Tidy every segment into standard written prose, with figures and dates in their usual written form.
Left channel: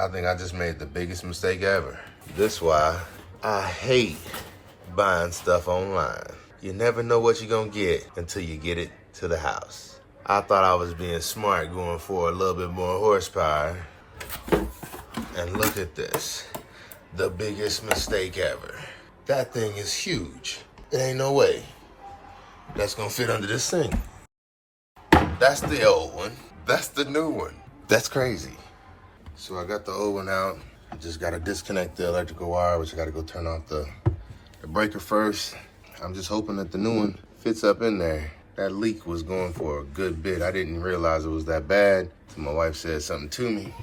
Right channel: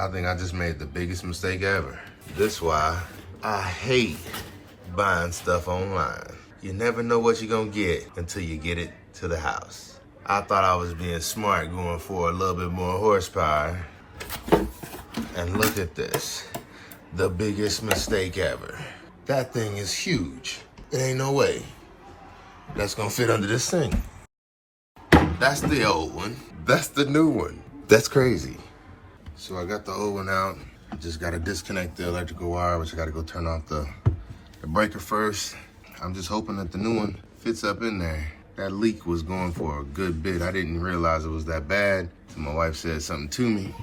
I think I just made the biggest mistake ever. This why I hate buying stuff online. You never know what you're gonna get until you get it to the house. I thought I was being smart going for a little bit more horsepower. And look at this. The biggest mistake ever. That thing is huge. There ain't no way that's gonna fit under this thing. That's the old one. That's the new one. That's crazy. So I got the old one out. I just gotta disconnect the electrical wire, which I gotta go turn off the breaker first. I'm just hoping that the new one fits up in there. That leak was going for a good bit. I didn't realize it was that bad until my wife said something to me.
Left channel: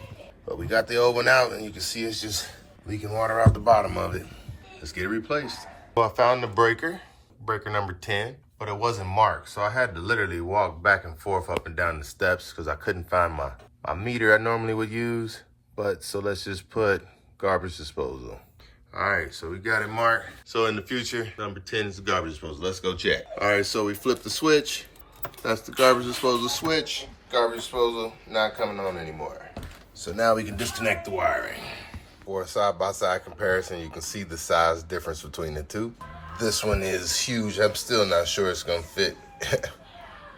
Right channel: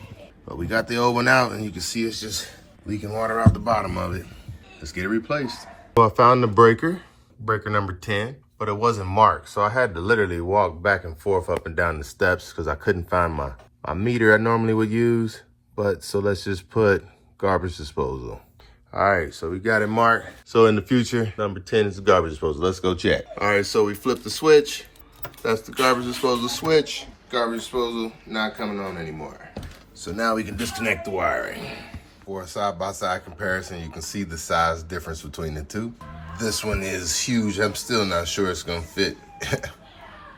But we got the old one out and you can see it's just leaking water out the bottom of it. Let's get it replaced. Well, I found the breaker number 10, but it wasn't marked. So I had to literally walk back and forth up and down the steps because I couldn't find my meter I normally would use. But so let's just put garbage disposal. All right, so we got it marked. So in the future, number 10 is the garbage disposal. Let's go check. All right, so we flipped the switch. That's the garbage disposal switch. Garbage disposal not coming on anymore. So now we can disconnect the wiring. For a side-by-side comparison, you can see the size difference between the two. This one is huge. I'm still not sure it's gonna fit,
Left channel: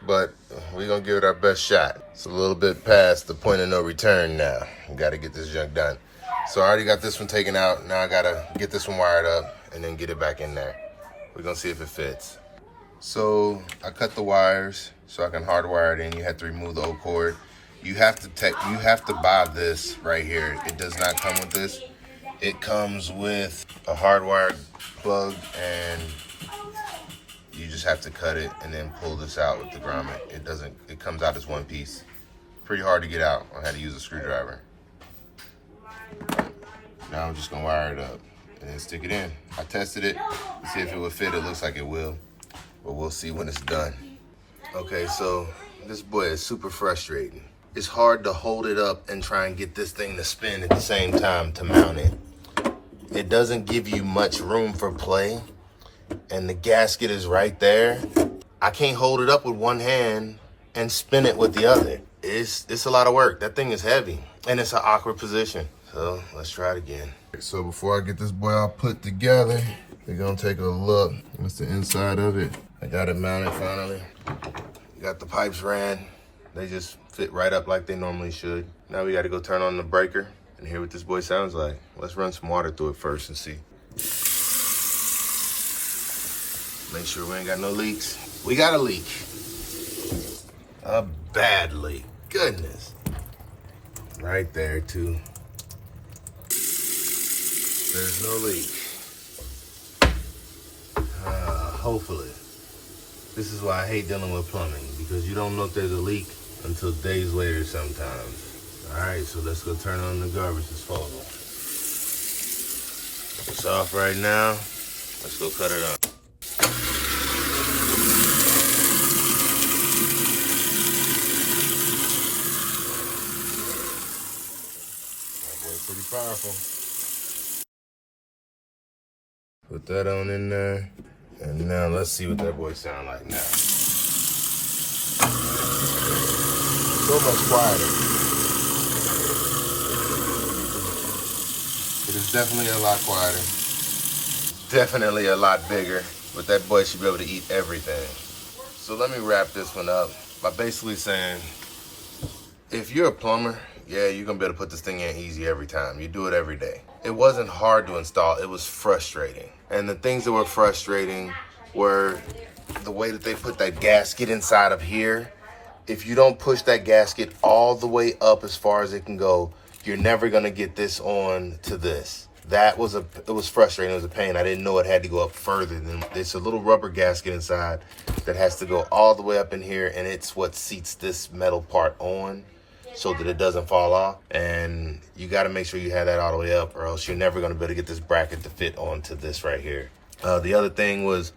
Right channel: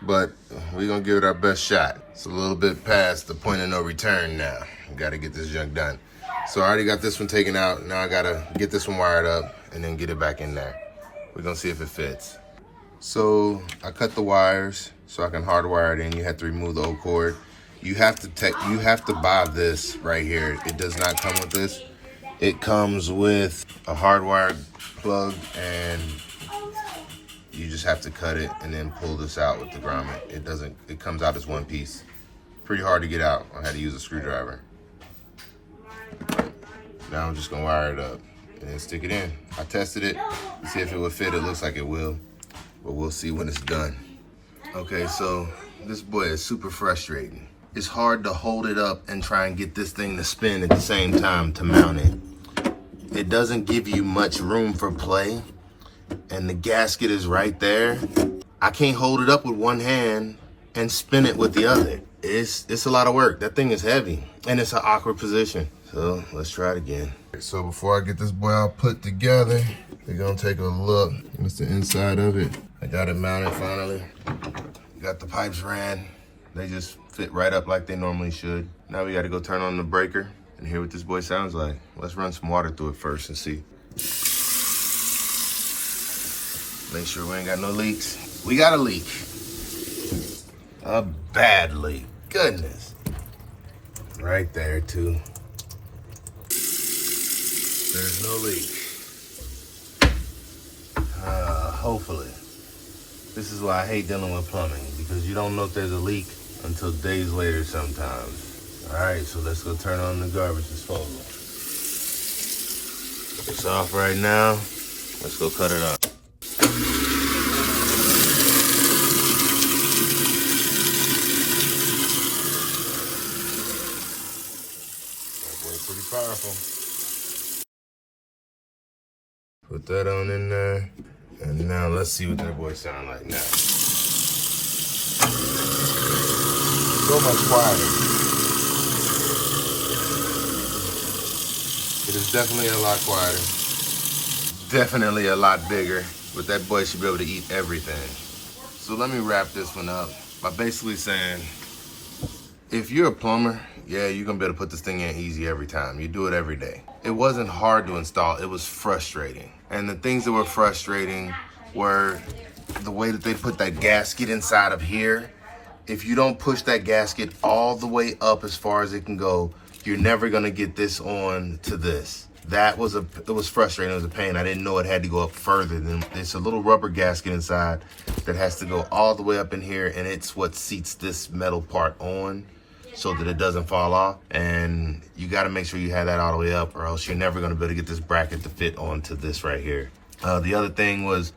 but we're gonna give it our best shot. It's a little bit past the point of no return now. We gotta get this junk done. So I already got this one taken out. Now I gotta get this one wired up and then get it back in there. We're gonna see if it fits. So I cut the wires so I can hardwire it in. You have to remove the old cord. You have to buy this right here. It does not come with this. It comes with a hardwired plug and you just have to cut it and then pull this out with the grommet. It comes out as one piece. Pretty hard to get out. I had to use a screwdriver. Now I'm just gonna wire it up and then stick it in. I tested it to see if it would fit. It looks like it will, but we'll see when it's done. Okay, so this boy is super frustrating. It's hard to hold it up and try and get this thing to spin at the same time to mount it. It doesn't give you much room for play, and the gasket is right there. I can't hold it up with one hand and spin it with the other. It's a lot of work. That thing is heavy, and it's an awkward position. So let's try it again. So before I get this boy all put together, we're gonna take a look. That's the inside of it. I got it mounted finally. Got the pipes ran. They just fit right up like they normally should. Now we gotta go turn on the breaker and hear what this boy sounds like. Let's run some water through it first and see. Make sure we ain't got no leaks. We got a leak. A bad leak. Goodness. Right there too. There's no leak. Hopefully. This is why I hate dealing with plumbing, because you don't know if there's a leak until days later sometimes. All right, so let's go turn on the garbage disposal. It's off right now. Let's go cut it up. That boy's pretty powerful. Put that on in there. And now let's see what that boy sound like now. So much quieter. It is definitely a lot quieter. Definitely a lot bigger, but that boy should be able to eat everything. So let me wrap this one up by basically saying, if you're a plumber, yeah, you're gonna be able to put this thing in easy every time. You do it every day. It wasn't hard to install, it was frustrating. And the things that were frustrating were the way that they put that gasket inside of here. If you don't push that gasket all the way up as far as it can go, you're never gonna get this on to this. It was frustrating, it was a pain. I didn't know it had to go up further than, it's a little rubber gasket inside that has to go all the way up in here, and it's what seats this metal part on so that it doesn't fall off. And you gotta make sure you have that all the way up, or else you're never gonna be able to get this bracket to fit onto this right here. The other thing was,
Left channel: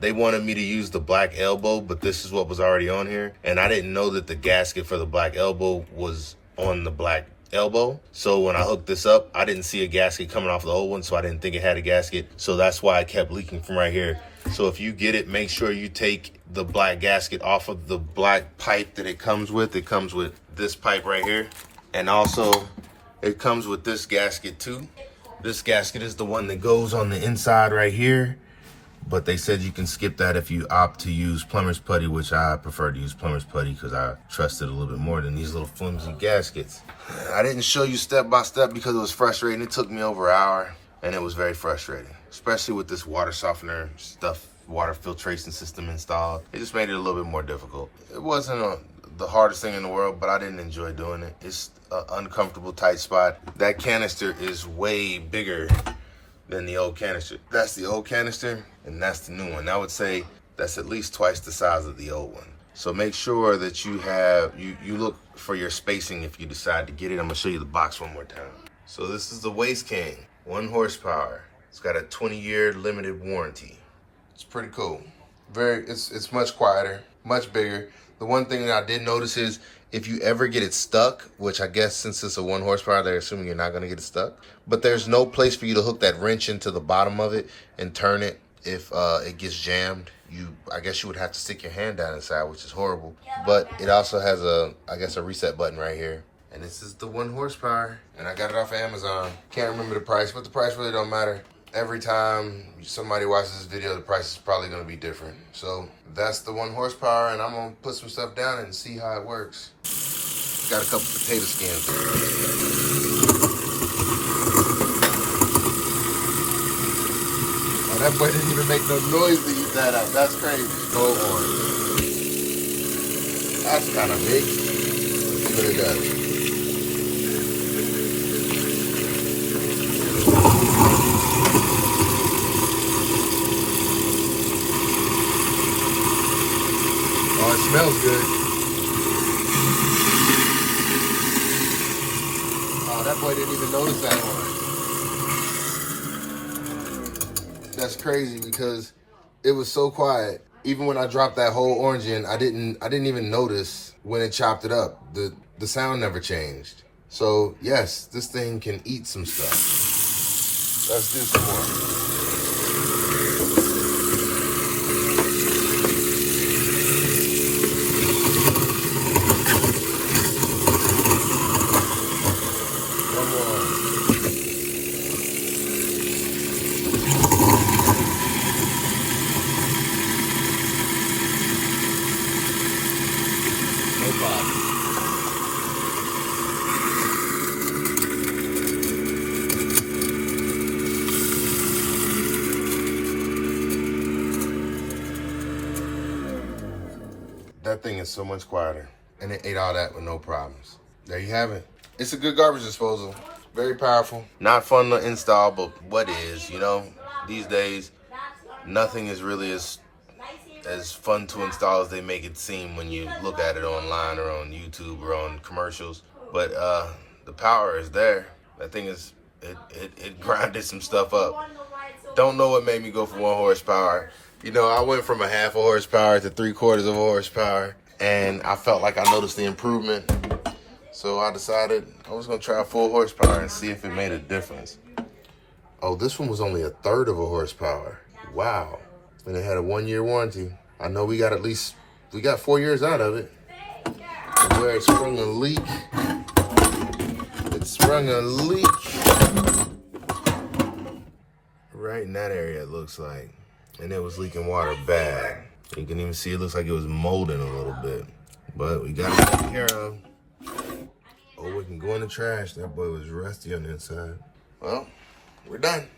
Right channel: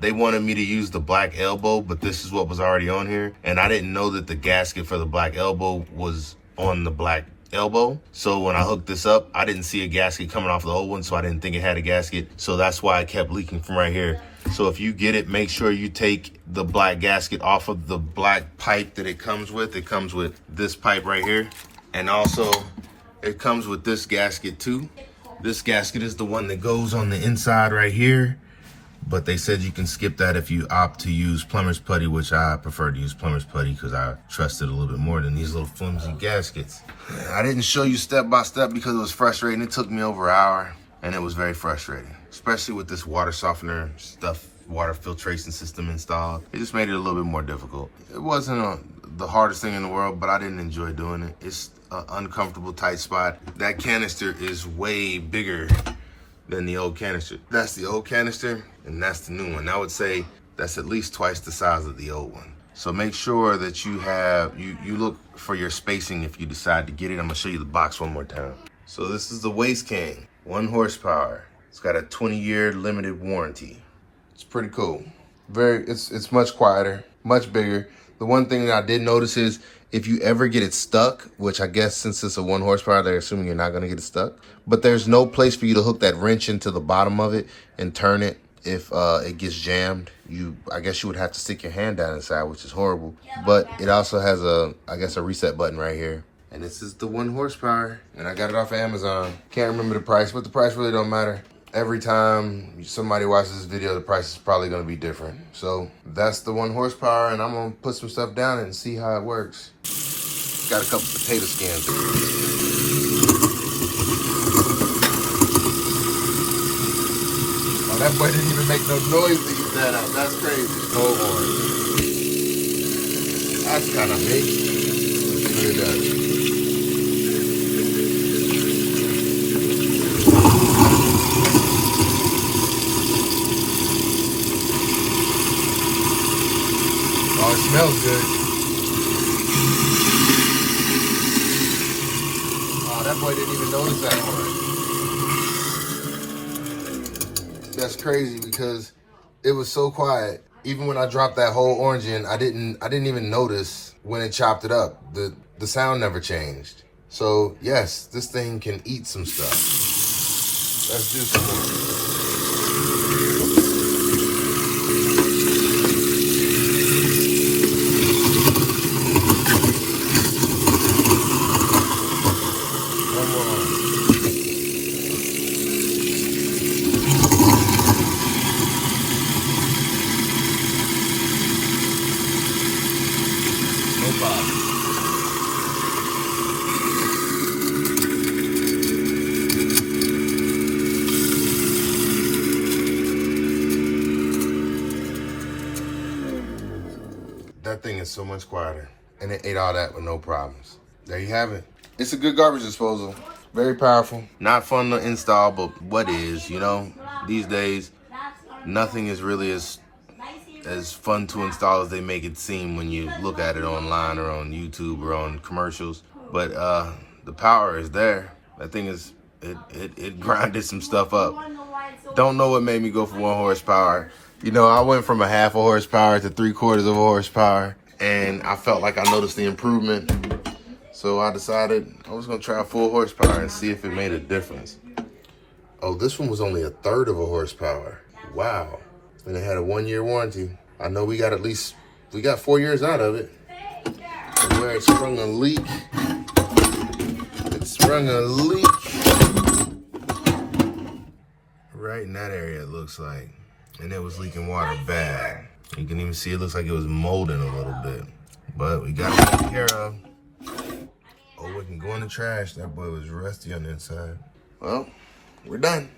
they wanted me to use the black elbow, but this is what was already on here. And I didn't know that the gasket for the black elbow was on the black elbow. So when I hooked this up, I didn't see a gasket coming off the old one, so I didn't think it had a gasket. So that's why it kept leaking from right here. So if you get it, make sure you take the black gasket off of the black pipe that it comes with. It comes with this pipe right here. And also, It comes with this gasket too. This gasket is the one that goes on the inside right here. But they said you can skip that if you opt to use plumber's putty, which I prefer to use plumber's putty because I trust it a little bit more than these little flimsy gaskets. I didn't show you step by step because it was frustrating. It took me over an hour and it was very frustrating, especially with this water softener stuff, water filtration system installed. It just made it a little bit more difficult. It wasn't the hardest thing in the world, but I didn't enjoy doing it. It's an uncomfortable, tight spot. That canister is way bigger than the old canister. That's the old canister and that's the new one. I would say that's at least twice the size of the old one. So make sure that you have, you look for your spacing if you decide to get it. I'm gonna show you the box one more time. So this is the Waste King, 1 horsepower. It's got a 20-year limited warranty. It's pretty cool. It's much quieter, much bigger. The one thing that I did notice is if you ever get it stuck, which I guess since it's a 1 horsepower, they're assuming you're not gonna get it stuck, but there's no place for you to hook that wrench into the bottom of it and turn it if it gets jammed. I guess you would have to stick your hand down inside, which is horrible. But it also has I guess a reset button right here. And this is the 1 horsepower, and I got it off of Amazon. Can't remember the price, but the price really don't matter. Every time somebody watches this video, the price is probably gonna be different. So that's the 1 horsepower, and I'm gonna put some stuff down and see how it works. Got a couple potato skins. Oh, that boy didn't even make no noise to use that out. That's crazy. Hold on. That's kind of big. Let's see what it does. Oh, it smells good. Oh, that boy didn't even notice that one. That's crazy because it was so quiet. Even when I dropped that whole orange in, I didn't even notice when it chopped it up. The sound never changed. So yes, this thing can eat some stuff. Let's do some more. That thing is so much quieter, and it ate all that with no problems. There you have it. It's a good garbage disposal. Very powerful. Not fun to install, but what is, you know, these days, nothing is really as fun to install as they make it seem when you look at it online or on YouTube or on commercials. But the power is there. That thing is, it grinded some stuff up. Don't know what made me go for 1 horsepower. You know, I went from a 1/2 horsepower to 3/4 horsepower, and I felt like I noticed the improvement. So I decided I was gonna try a full horsepower and see if it made a difference. Oh, this one was only 1/3 horsepower. Wow. And it had a 1-year warranty. I know we got 4 years out of it. And where it sprung a leak, right in that area, it looks like. And it was leaking water bad. You can even see it looks like it was molding a little bit. But we got it taken care of. Oh, we can go in the trash. That boy was rusty on the inside. Well, we're done.